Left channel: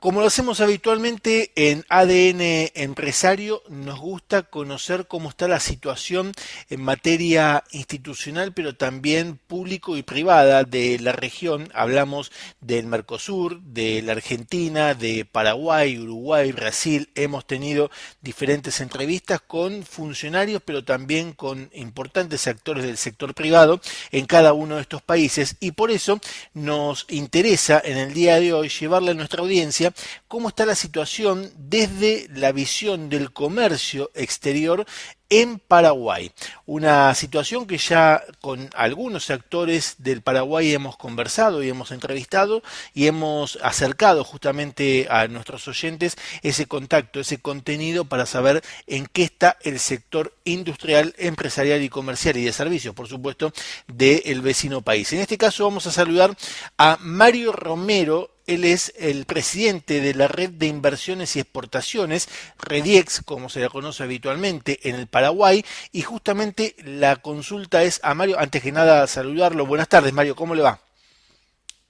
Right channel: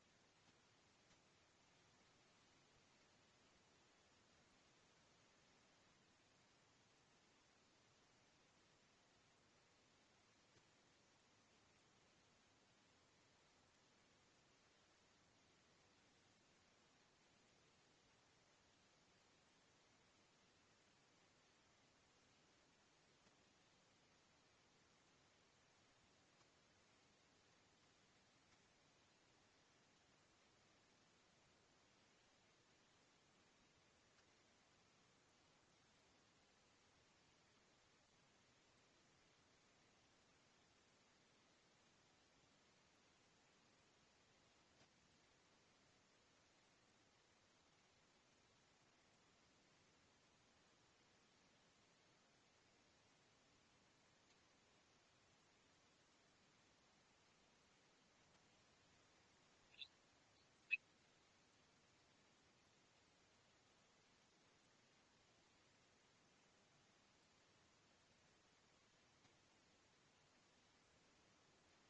Como lo hacemos habitualmente en ADN Empresario, nos gusta conocer cómo está la situación en materia institucional, pero también público y privada de la región. Hablamos del Mercosur, de la Argentina, de Paraguay, Uruguay, Brasil. Hemos tenido diferentes entrevistas con funcionarios, pero también con importantes actores del sector privado en cada uno de estos países. Y por eso nos interesa en el día de hoy llevarle a nuestra audiencia cómo está la situación desde la visión del comercio exterior en Paraguay. Una situación que ya con algunos actores del Paraguay hemos conversado y hemos entrevistado y hemos acercado justamente a nuestros oyentes ese contacto, ese contenido para saber en qué está el sector industrial, empresarial y comercial y de servicios, por supuesto, del vecino país. En este caso vamos a saludar a Mario Romero. Él es el presidente de la Red de Inversiones y Exportaciones, REDIEX, como se la conoce habitualmente en el Paraguay, y justamente la consulta es a Mario. Antes que nada, saludarlo. Buenas tardes, Mario, ¿cómo le va?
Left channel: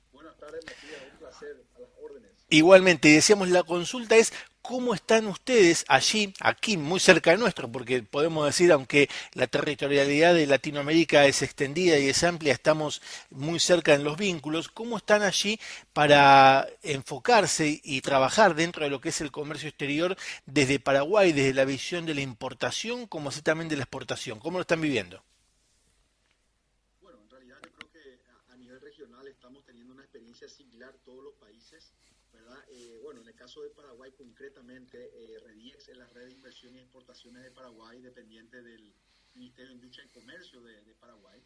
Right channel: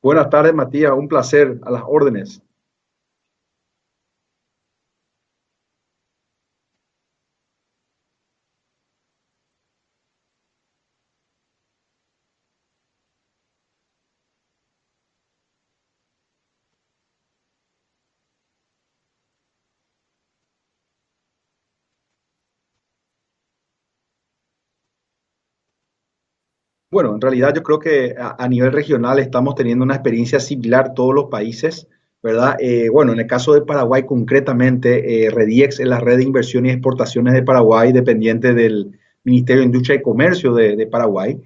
Buenas tardes, Matías. Un placer, a las órdenes. Igualmente, decíamos, la consulta es cómo están ustedes allí, aquí, muy cerca de nuestro, porque podemos decir, aunque la territorialidad de Latinoamérica es extendida y es amplia, estamos muy cerca en los vínculos, cómo están allí para enfocarse y trabajar dentro de lo que es el comercio exterior desde Paraguay, desde la visión de la importación, como así también de la exportación. ¿Cómo lo están viviendo? Bueno, en realidad yo creo que a nivel regional estamos teniendo una experiencia similar todos los países, ¿verdad? Bueno, en el caso de Paraguay concretamente, REDIEX es la Red de Inversiones y Exportaciones de Paraguay, dependiente del Ministerio de Industria y Comercio de Paraguay.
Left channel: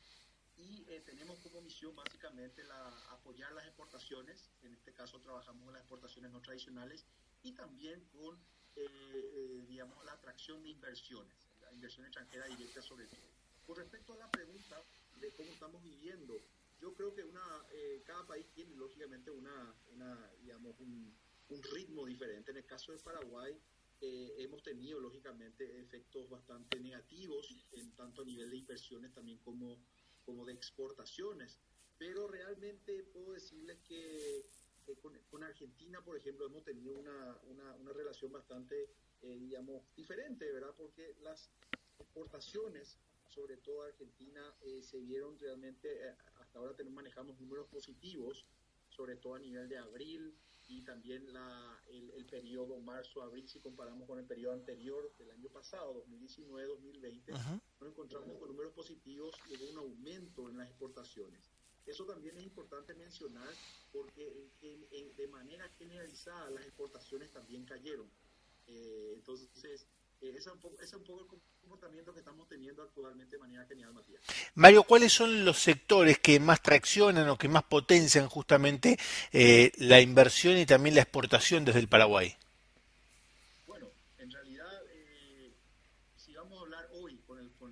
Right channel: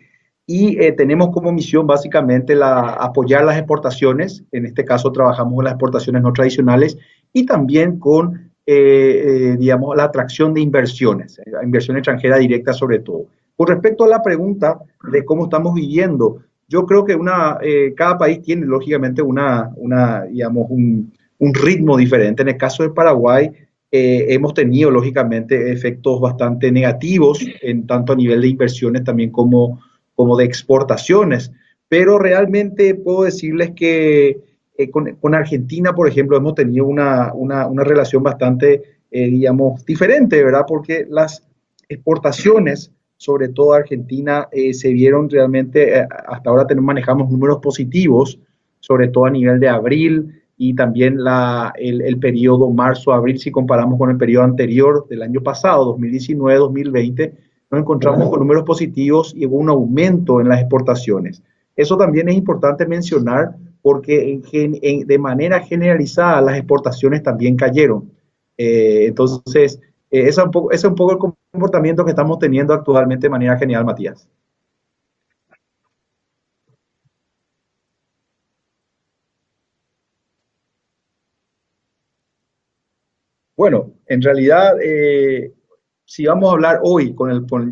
Y tenemos como misión básicamente apoyar las exportaciones, en este caso trabajamos con las exportaciones no tradicionales y también con, digamos, la atracción de inversiones, inversión extranjera directa sobre todo. Con respecto a la pregunta de cómo estamos viviendo, yo creo que cada país tiene lógicamente digamos, un ritmo diferente. En el caso de Paraguay, hemos tenido lógicamente efectos bastante negativos, tanto a nivel de inversiones también como de exportaciones. Pero realmente puedo decirles que con Argentina, por ejemplo, hemos tenido una relación bastante, digamos, diferente, ¿verdad? Porque las exportaciones sobre todo Argentina, se vieron realmente, hasta ahora manejamos números positivos, sobre todo a nivel de abril y también el periodo marzo-abril, si comparamos con el periodo anterior del año pasado, 2019-2020, Ujú. nos encontramos con números positivos y hubo un aumento en las exportaciones. Eso también es importante mencionar porque de manera generalizada las exportaciones también cayeron. Entonces, ese es un poco el comportamiento que estamos teniendo actualmente de manera general, Matías. Mario, ¿cuáles son los sectores que más traccionan o que más potencian justamente la inversión y también la exportación desde el Paraguay? Bueno, en realidad, si vamos a hablar hoy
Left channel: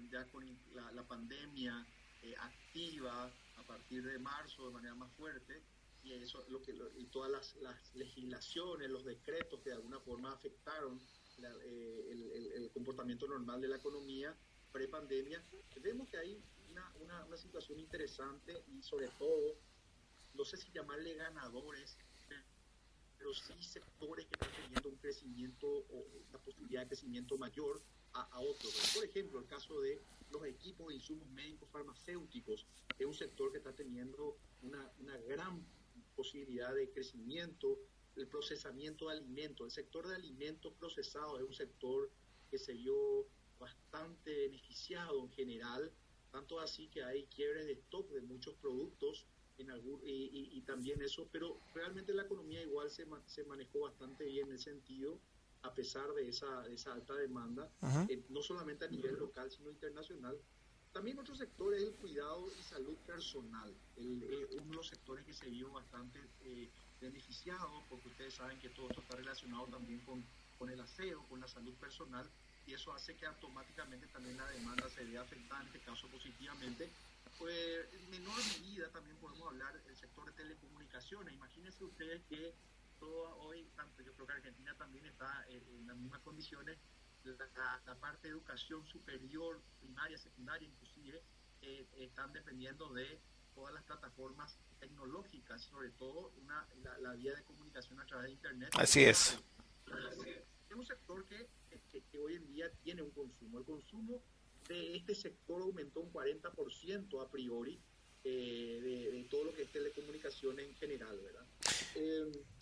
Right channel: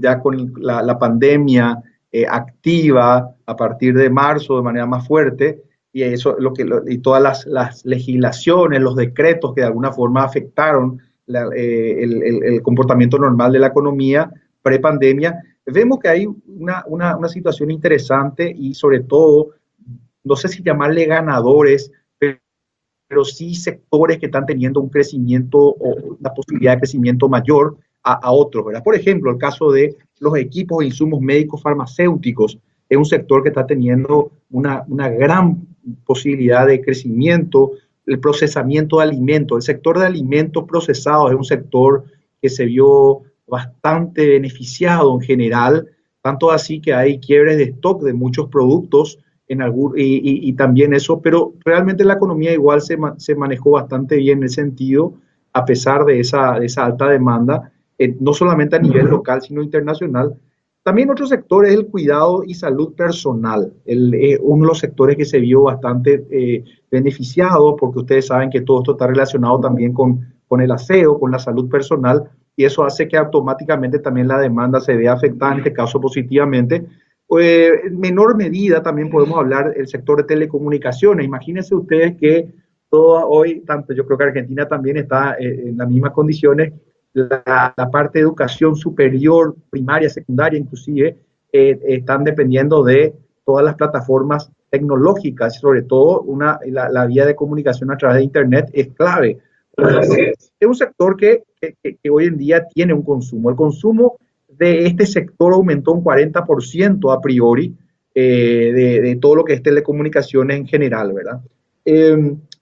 ya con la pandemia activa a partir de marzo de manera más fuerte, y eso y todas las legislaciones, los decretos que de alguna forma afectaron el comportamiento normal de la economía pre-pandemia, vemos que hay una situación interesante y sobre todo, no sé si llamarle ganadores, pero sí sectores que están teniendo un crecimiento o una posibilidad de crecimiento mayor a otros, ¿verdad? Por ejemplo, el caso de los equipos e insumos médicos farmacéuticos es un sector que está teniendo una gran posibilidad de crecimiento, el procesamiento de alimentos, el sector de alimentos procesados es un sector que se vio bastante beneficiado en general, tanto así que hay quiebres de stock de muchos productos y también eso, pero realmente la economía igual se manejó bastante bien en ese sentido, a pesar de esa alta demanda, Ujú. no solamente a nivel local, sino internacional. También otro sector es el cuidado y salud personal, uno de los sectores que se vio bastante beneficiado, porque ustedes saben que todo esto está relacionado también con el aseo, con la salud personal, y eso hace que automáticamente también la demanda se vea afectada, en este caso positivamente, en menor medida también podemos hablar del sector de telecomunicaciones. Imagínense ustedes que todo hoy, tanto yo creo que Argentina también está en las mismas condiciones, la parte de educación superior, primaria, secundaria inclusive, están dependiendo de todas las plataformas tecnológicas, sobre todo la vía de comunicación a través de Internet es Así es. clave. Es un sector que hoy en día tiene un consumo. El consumo de este sector aumentó un 40% a priori de todo lo que es telecomunicaciones en general, ¿verdad?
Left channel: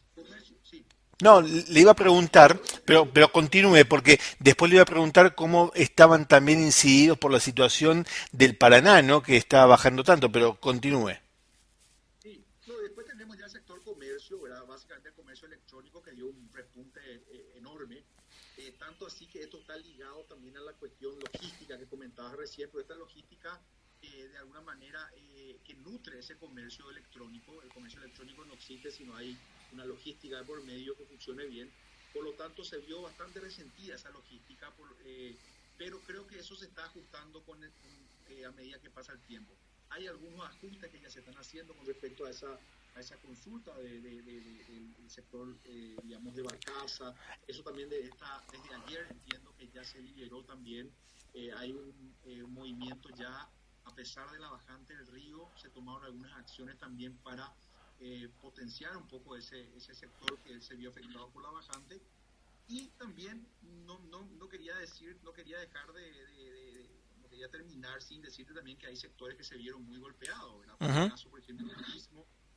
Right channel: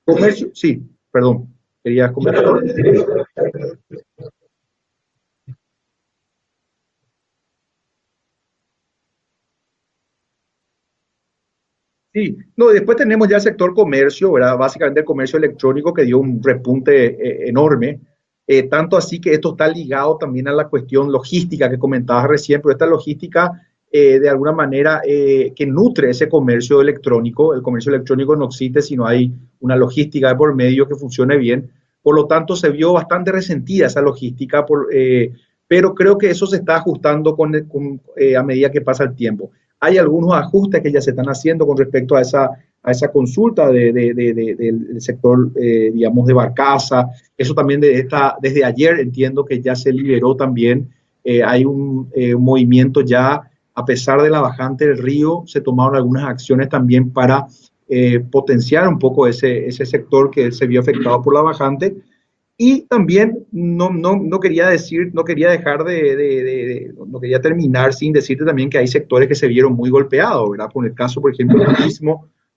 Comercio, sí, No, perdón, le iba a quería preguntar, comentar. pero continúe, porque después le iba a preguntar cómo estaban también incididos por la situación del Paraná, ¿no? Que está bajando tanto, pero continúe. Sí, no, después tenemos ya el sector comercio, ¿verdad? Básicamente el comercio electrónico que dio un repunte enorme, tanto así que esto está ligado también a la cuestión logística que comentabas recién, pero esta logística de alguna manera que nutre ese comercio electrónico. El comercio electrónico no existe si no hay una logística de por medio que funcione bien. Por lo tanto, se vio bastante resentida esa logística, pero creo que eso se está ajustando a medida que pasa el tiempo. Hay algunos ajustes que ya se están haciendo con respecto a esa consulta del sector, digamos, de barcaza. Eso también desde ayer entiendo que ya se liberó también. Hay un movimiento ya, a pesar de la bajante del río, se tomaron algunas acciones también para potenciar un poco ese sector que se vio afectado por la bajante. Y también no quería decir, no quería dejar no quería terminar sin decirte también que hay sectores que se vieron muy golpeados, ¿verdad? Por el Ujú. caso, por ejemplo,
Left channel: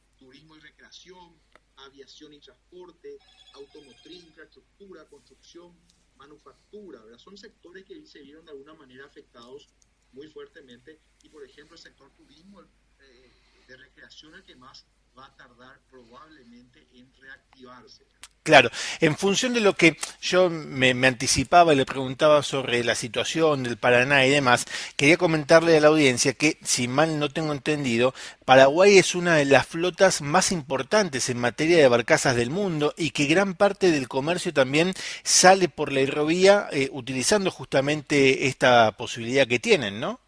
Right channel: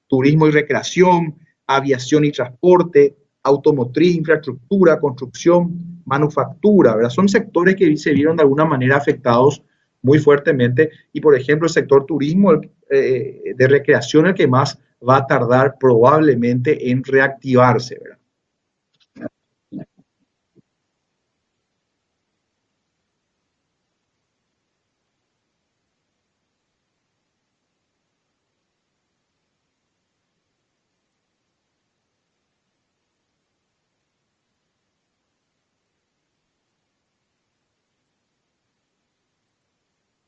turismo y recreación, aviación y transporte, automotriz, infraestructura, construcción, manufactura, ¿verdad? Son sectores que se vieron de alguna manera afectados muy fuertemente. Y, por ejemplo, el sector turismo de recreación, el que más va a tardar probablemente en reactivarse, ¿verdad? Claro, en función de lo que yo me anticipaba y le preguntaba sobre la situación del Paraná y demás, quería comentarle a la audiencia que, si mal no tengo entendido, Paraguay es una de las flotas más importantes en materia de barcazas del mundo y que gran parte del comercio también sale por la hidrovía utilizando justamente esta posibilidad que tienen, ¿no?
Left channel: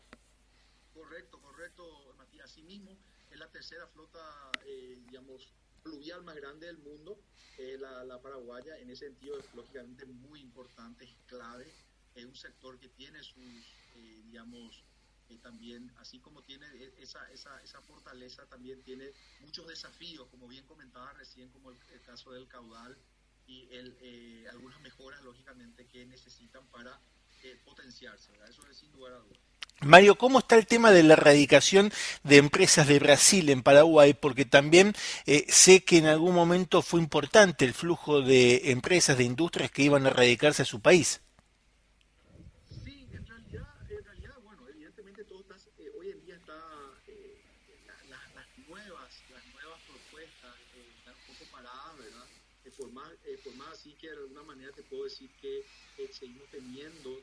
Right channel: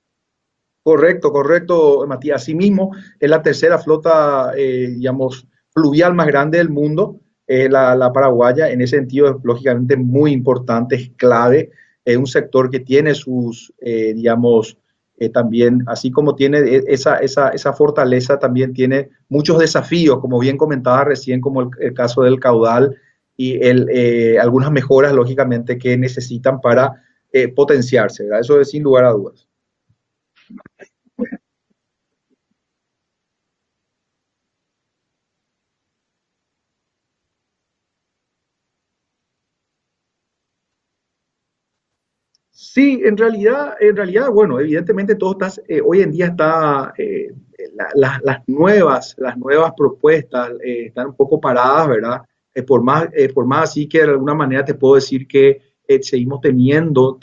Correcto, correcto, Matías. Asimismo, es la tercera flota, digamos, fluvial más grande del mundo, la paraguaya. En ese sentido, es lógicamente muy importante, es clave. Es un sector que tiene sus, digamos, también, así como tiene esa fortaleza, también tiene muchos desafíos, como bien comentaba recién, como el caso del caudal y algunas mejoras, lógicamente, que necesitan para potenciarse, ¿verdad? Eso es sin lugar a dudas. Mario, ¿cómo está el tema de la erradicación de empresas de Brasil en Paraguay? Porque también sé que en algún momento fue importante el flujo de empresas, de industrias que iban a radicarse a su país. Sí, bueno, evidentemente todo está, hoy en día está, las nuevas propuestas están un poco paradas, ¿verdad? Por más así que de alguna manera te puedo decir que seguimos teniendo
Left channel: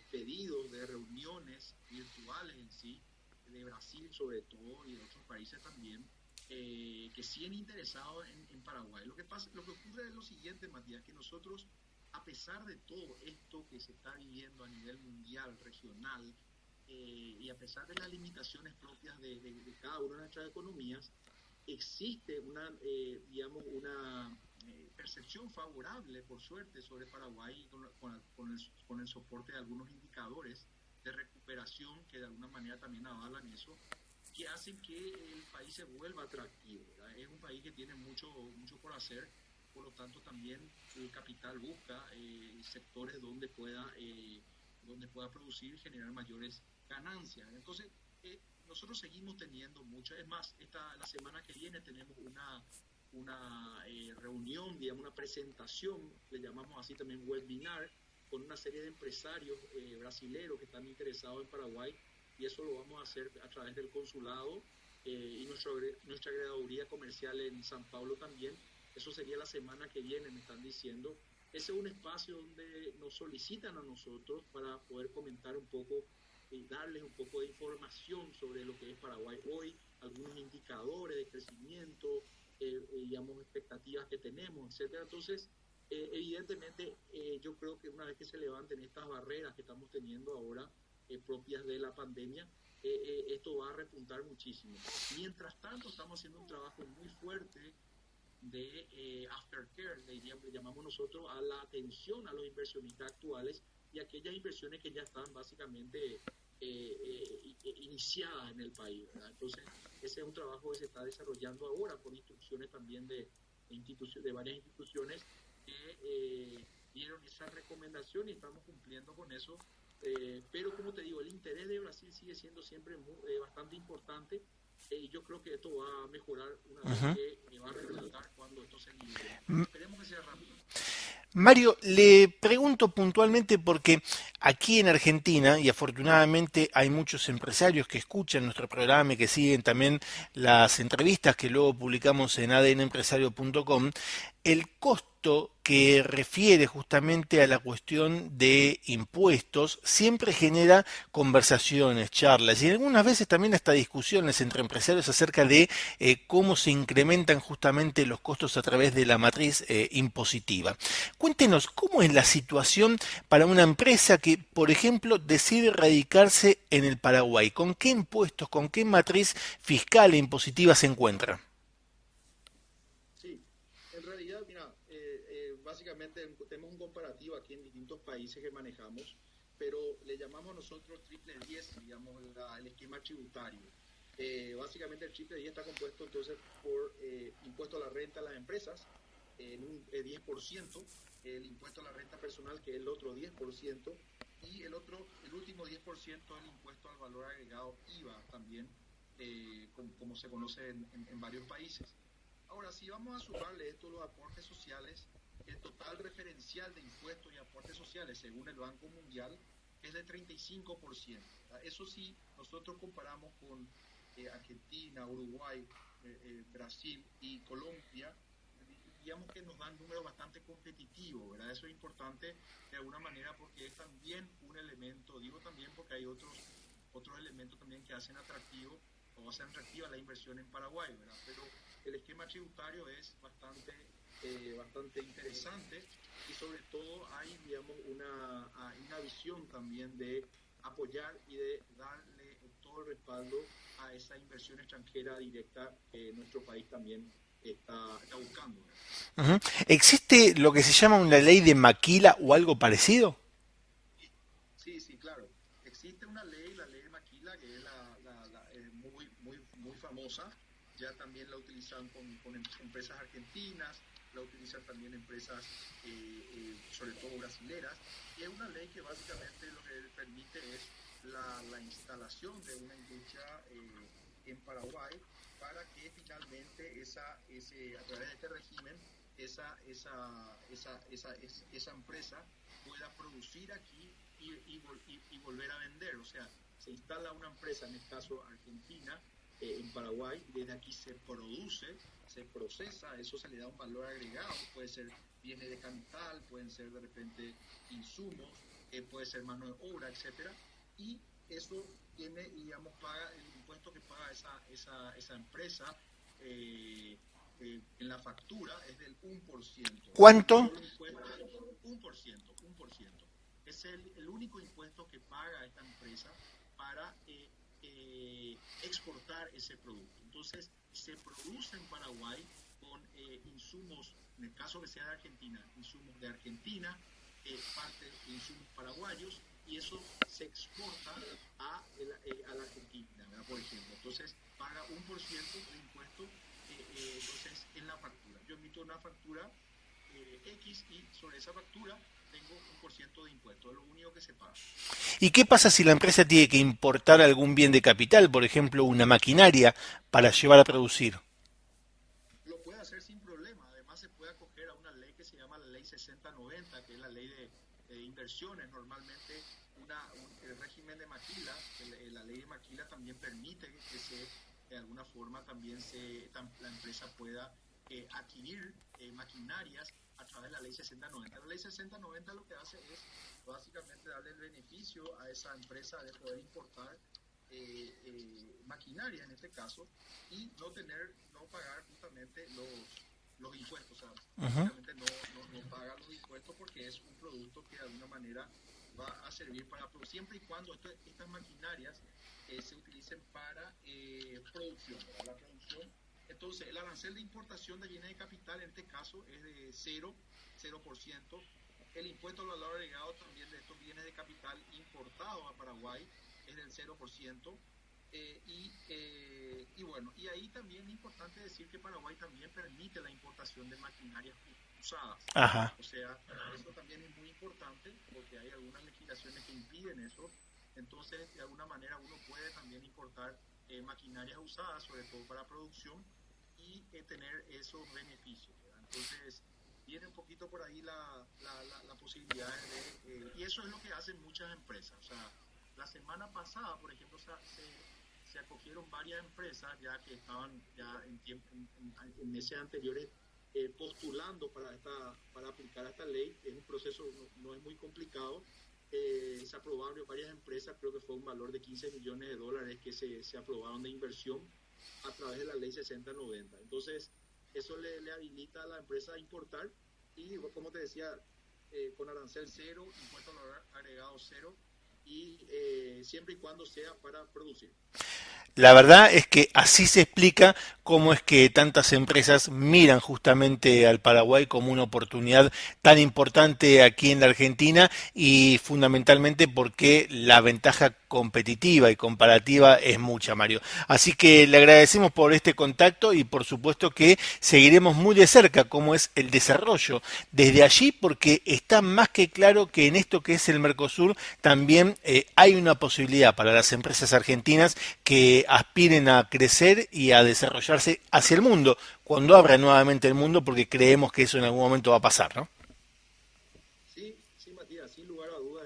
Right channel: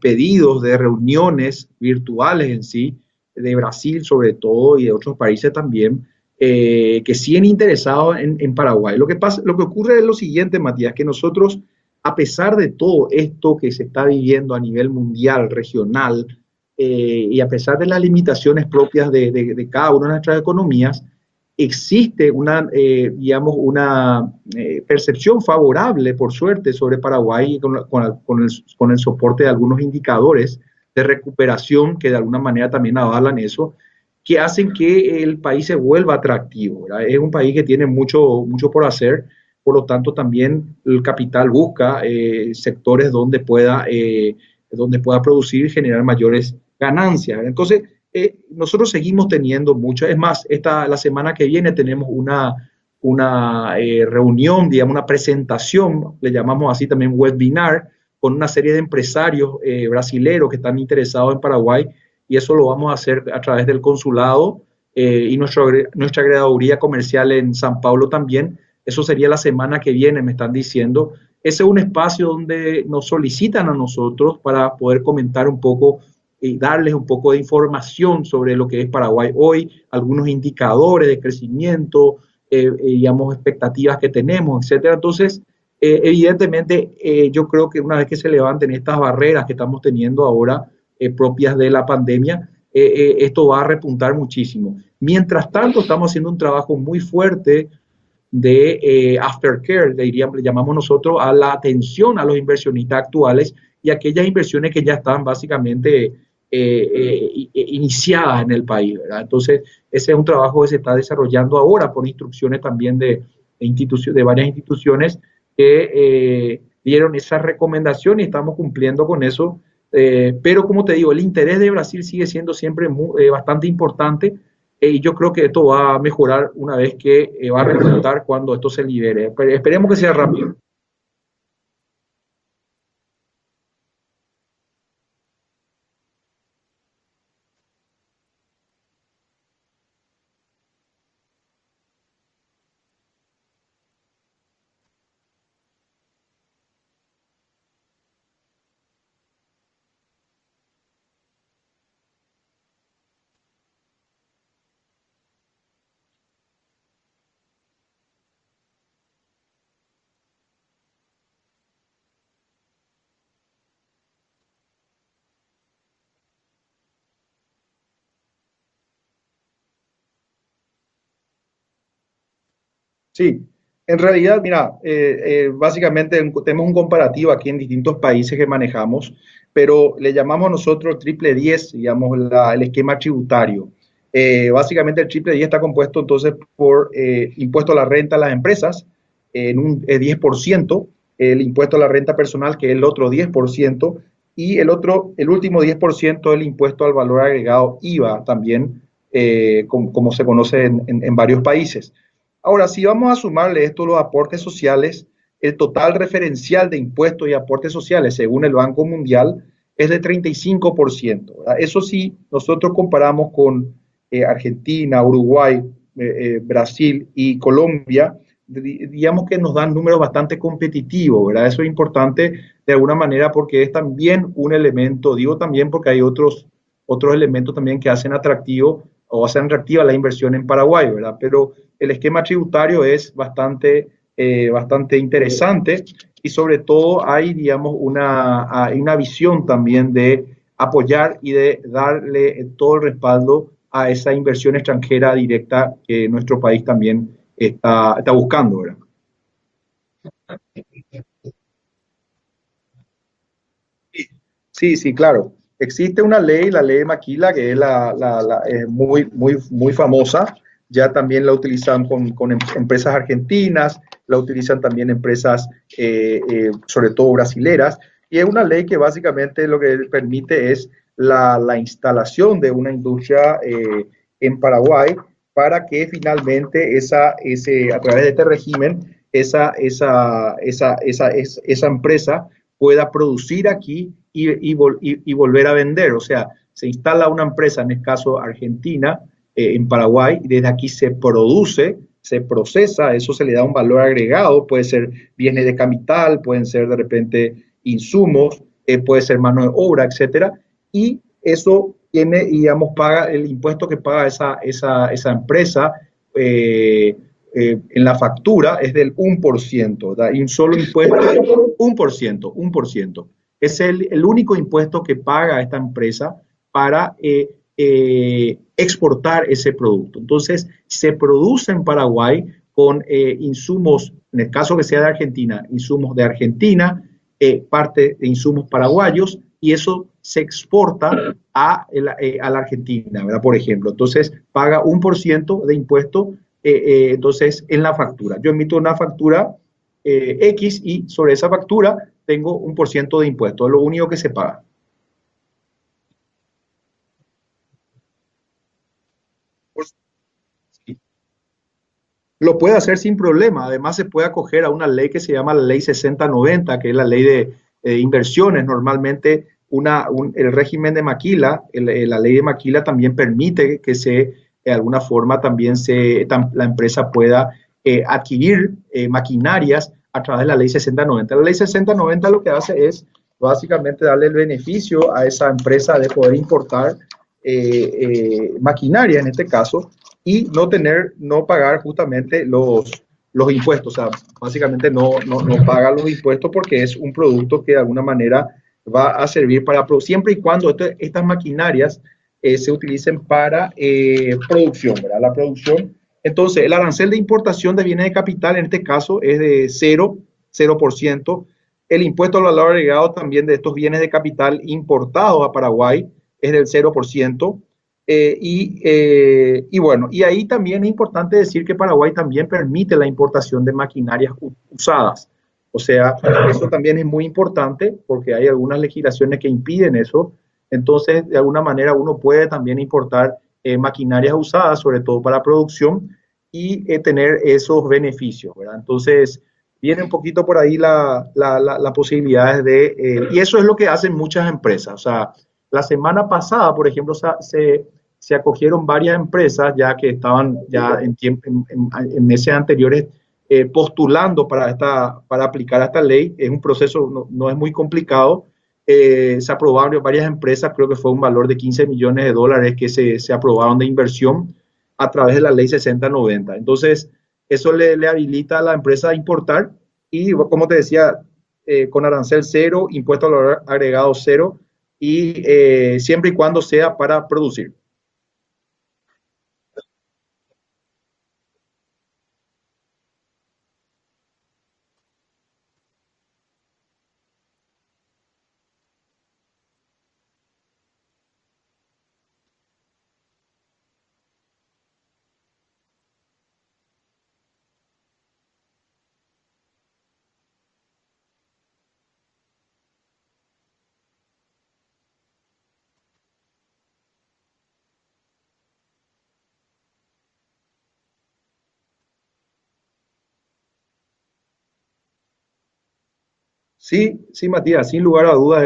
pedidos de reuniones virtuales en sí, de Brasil sobre todo y de otros países también, que siguen interesados en Paraguay. Lo que ocurre es lo siguiente, Matías, que nosotros a pesar de todo esto que se está viviendo a nivel mundial, regional, y a pesar de las limitaciones propias de cada una de nuestras economías, existe digamos, una percepción favorable, por suerte, sobre Paraguay con el soporte de algunos indicadores de recuperación que de alguna manera también avalan eso, que hacen que el país se vuelva atractivo, ¿verdad? Es un país que tiene mucho por hacer, por lo tanto también el capital busca sectores donde pueda producir y generar mayores ganancias. Entonces, nosotros seguimos teniendo mucho, es más, la semana que viene tenemos una reunión, digamos, una presentación, le llamamos así también webinar, con una serie de empresarios brasileros que están interesados en Paraguay, y eso lo vamos a hacer a través del consulado y nuestra agregaduría comercial en San Paulo también. Eso sería la semana que viene, me están diciendo. Ese es un espacio donde nos solicitan a nosotros para poder comentar un poco y darles un poco de información sobre lo que es Paraguay hoy, algunos indicadores de crecimiento, digamos, expectativas que tenemos, etcétera. Entonces, evidentemente, yo creo que una vez que se levanten estas barreras que estamos teniendo ahora, propias de la pandemia, esto va a repuntar muchísimo. Mientras tanto, estamos haciendo un trabajo muy fuerte de aftercare, le llamamos nosotros a la atención a los inversionistas actuales y aquellas inversiones que ya están básicamente iniciadas en el país, ¿verdad? Entonces, ese es un trabajo que se está desarrollando ahora por instrucciones también de varias instituciones que dieron esa recomendación y estamos cumpliendo con eso. Pero como te digo, el interés de Brasil sigue siendo siempre bastante importante y yo creo que esto va a mejorar una vez Ujú. que va a resultar cuando esto se libere. Esperemos que sea rápido. Mario, le pregunto puntualmente porque aquí en Argentina, y afortunadamente hay muchos empresarios que escuchan nuestro programa y que siguen también las entrevistas que luego publicamos en adnempresario.com, el costo que refiere justamente a la cuestión de impuestos siempre genera conversaciones, charlas y algunas veces también hasta discusiones entre empresarios acerca de cómo se incrementan justamente los costos a través de la matriz impositiva. Cuéntenos, ¿cómo es la situación para una empresa que, por ejemplo, decide radicarse en el Paraguay? ¿Con qué impuestos, con qué matriz fiscal e impositiva se encuentra? Sí, en realidad, mira, básicamente tenemos un comparativo aquí en distintos países que manejamos, pero le llamamos nosotros triple 10, digamos, el esquema tributario. Básicamente el triple 10 está compuesto entonces por impuesto a la renta a las empresas en un 10%, el impuesto a la renta personal que es el otro 10%, y el último 10% el impuesto al valor agregado IVA también, como se conoce en varios países. Ahora, si vamos a sumarle esto los aportes sociales, el total referencial de impuestos y aportes sociales, según el Banco Mundial, es de 35%. ¿Verdad? Eso sí, nosotros comparamos con Argentina, Uruguay, Brasil y Colombia, digamos que nos dan números bastante competitivos, ¿verdad? Eso es importante de alguna manera porque es también un elemento, digo también porque hay otros elementos también que hacen atractivo o hacen atractiva la inversión en Paraguay, ¿verdad? Pero el esquema tributario es bastante interesante y sobre todo hay, digamos, hay una visión también de apoyar y de darle todo el respaldo a esa inversión extranjera directa que nuestro país también está buscando, ¿verdad? Ujú. ¿Existe lo que se llama una ley de maquila o algo parecido? Sí, sí, claro. Existe una ley, la ley de Maquila, que es muy famosa. Ya también la utilizan con empresas argentinas, la utilizan también empresas, sobre todo brasileras. Y es una ley que básicamente lo que permite es la instalación de una industria en Paraguay para que finalmente a través de este régimen, esa empresa pueda producir aquí y volver a vender. O sea, se instala una empresa, en este caso Argentina, en Paraguay, y desde aquí se produce, se procesa, eso se le da un valor agregado, puede ser bienes de capital, pueden ser de repente insumos, puede ser mano de obra, etcétera, y eso tiene, digamos, paga el impuesto que paga esa empresa en la factura es del 1%, ¿verdad? Y un ¿Cuánto? solo impuesto, 1%, 1%. Es el único impuesto que paga esta empresa para exportar ese producto. Entonces, se produce en Paraguay con insumos, en el caso que sea de Argentina, insumos de Argentina, parte de insumos paraguayos, y eso se exporta a la Argentina, ¿verdad? Por ejemplo. Entonces, paga 1% de impuesto entonces en la factura. Yo emito una factura X y sobre esa factura tengo 1% de impuesto, es lo único que se paga. ¿Y qué pasa si la empresa tiene que importar algún bien de capital, por ejemplo, una maquinaria, para llevar a producir? Lo puede hacer sin problema. Además, se puede acoger a una ley que se llama la ley 6090, que es la ley de inversiones. Normalmente, el régimen de Maquila, la ley de Maquila también permite que de alguna forma, también la empresa pueda adquirir maquinarias a través de la ley 6090. La ley 6090 lo que hace es básicamente darle el beneficio a esa empresa de poder importar maquinaria, en este caso, y no pagar justamente los impuestos. O sea, Ujú. básicamente no paga los impuestos porque es un producto que de alguna manera va a servir siempre y cuando estas maquinarias se utilicen para producción, ¿verdad? La producción. Entonces, el arancel de importación de bienes de capital en este caso es de 0%. El impuesto al valor agregado también de estos bienes de capital importados a Paraguay es del 0%. Y bueno, y ahí también es importante decir que Paraguay también permite la importación de maquinarias usadas. Ajá. O sea, eso también es muy importante porque hay algunas legislaciones que impiden eso. Entonces, de alguna manera uno puede también importar maquinarias usadas, sobre todo para producción, y tener esos beneficios, ¿verdad? Entonces, viene un poquito por ahí la posibilidades y eso es lo que hacen muchas empresas. O sea, la semana pasada, por ejemplo, se acogieron varias empresas ya que estaban ya en meses anteriores postulando para aplicar esta ley. Es un proceso, no es muy complicado. Se aprobaron varias empresas, creo que fue un valor de 15 millones de dólares que se aprobaron de inversión a través de la ley 6090. Entonces, eso le habilita a la empresa a importar y, como te decía, con arancel cero, impuesto al valor agregado cero y siempre y cuando sea para producir. La verdad es que así se explica cómo es que tantas empresas miran justamente al Paraguay como una oportunidad tan importante aquí en la Argentina y fundamentalmente porque la ventaja competitiva y comparativa es mucha, Mario. Así que le agradecemos por este contacto y por supuesto que seguiremos muy de cerca cómo es el desarrollo desde allí porque está más que claro que en esto que es el Mercosur también hay una posibilidad para las empresas argentinas que aspiren a crecer y a desarrollarse hacia el mundo, cuando abra nuevamente el mundo, porque creemos que eso en algún momento va a pasar, ¿no? Sí, sí, Matías, sin lugar a dudas,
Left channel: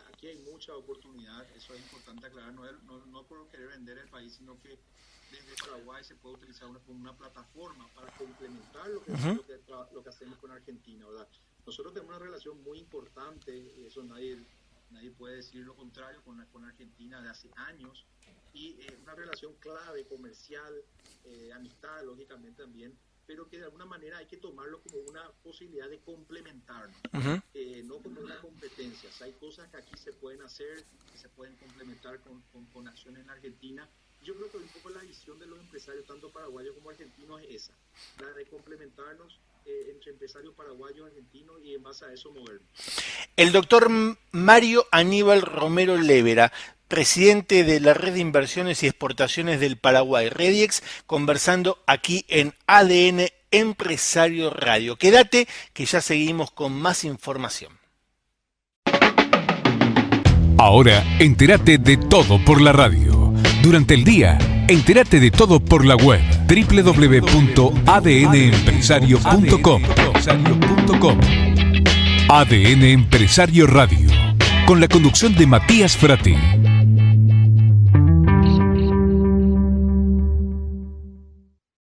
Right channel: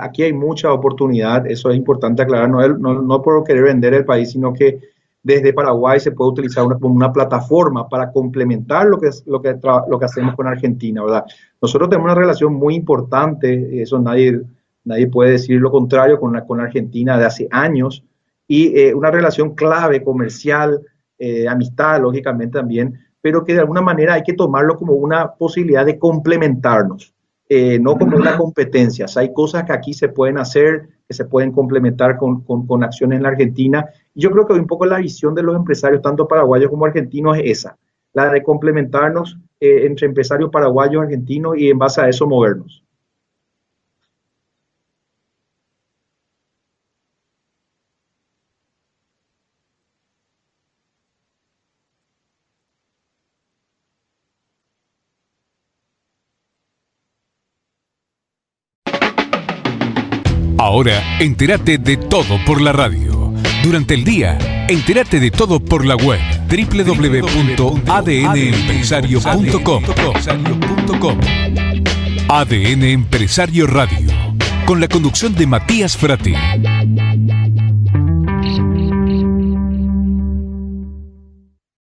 aquí hay mucha oportunidad, eso es importante aclarar, no por querer vender el país, sino que desde Paraguay se puede utilizar como una plataforma para complementar lo que hacemos con Argentina, ¿verdad? Nosotros tenemos una relación muy importante, eso nadie puede decir lo contrario, con Argentina de hace años, y una relación clave, comercial, amistad, lógicamente también, pero que de alguna manera hay que tomarlo como una posibilidad de complementarnos, no como una competencia. O sea, hay cosas que aquí se pueden hacer, que se pueden complementar con acciones en la Argentina. Y yo creo que un poco la visión de los empresarios, tanto paraguayos como argentinos, es esa, la de complementarnos entre empresarios paraguayos, argentinos y en base a eso movernos. El doctor Mario Aníbal Romero Lévera, presidente de la Red de Inversiones y Exportaciones del Paraguay, Rediex, conversando aquí en ADN Empresario Radio. Quédate que ya seguimos con más información. Ahora, entérate de todo por la radio. Durante el día, entérate de todo por la web www.adnempresario.com. ADN Empresario Radio, con la conducción de Matías Frati.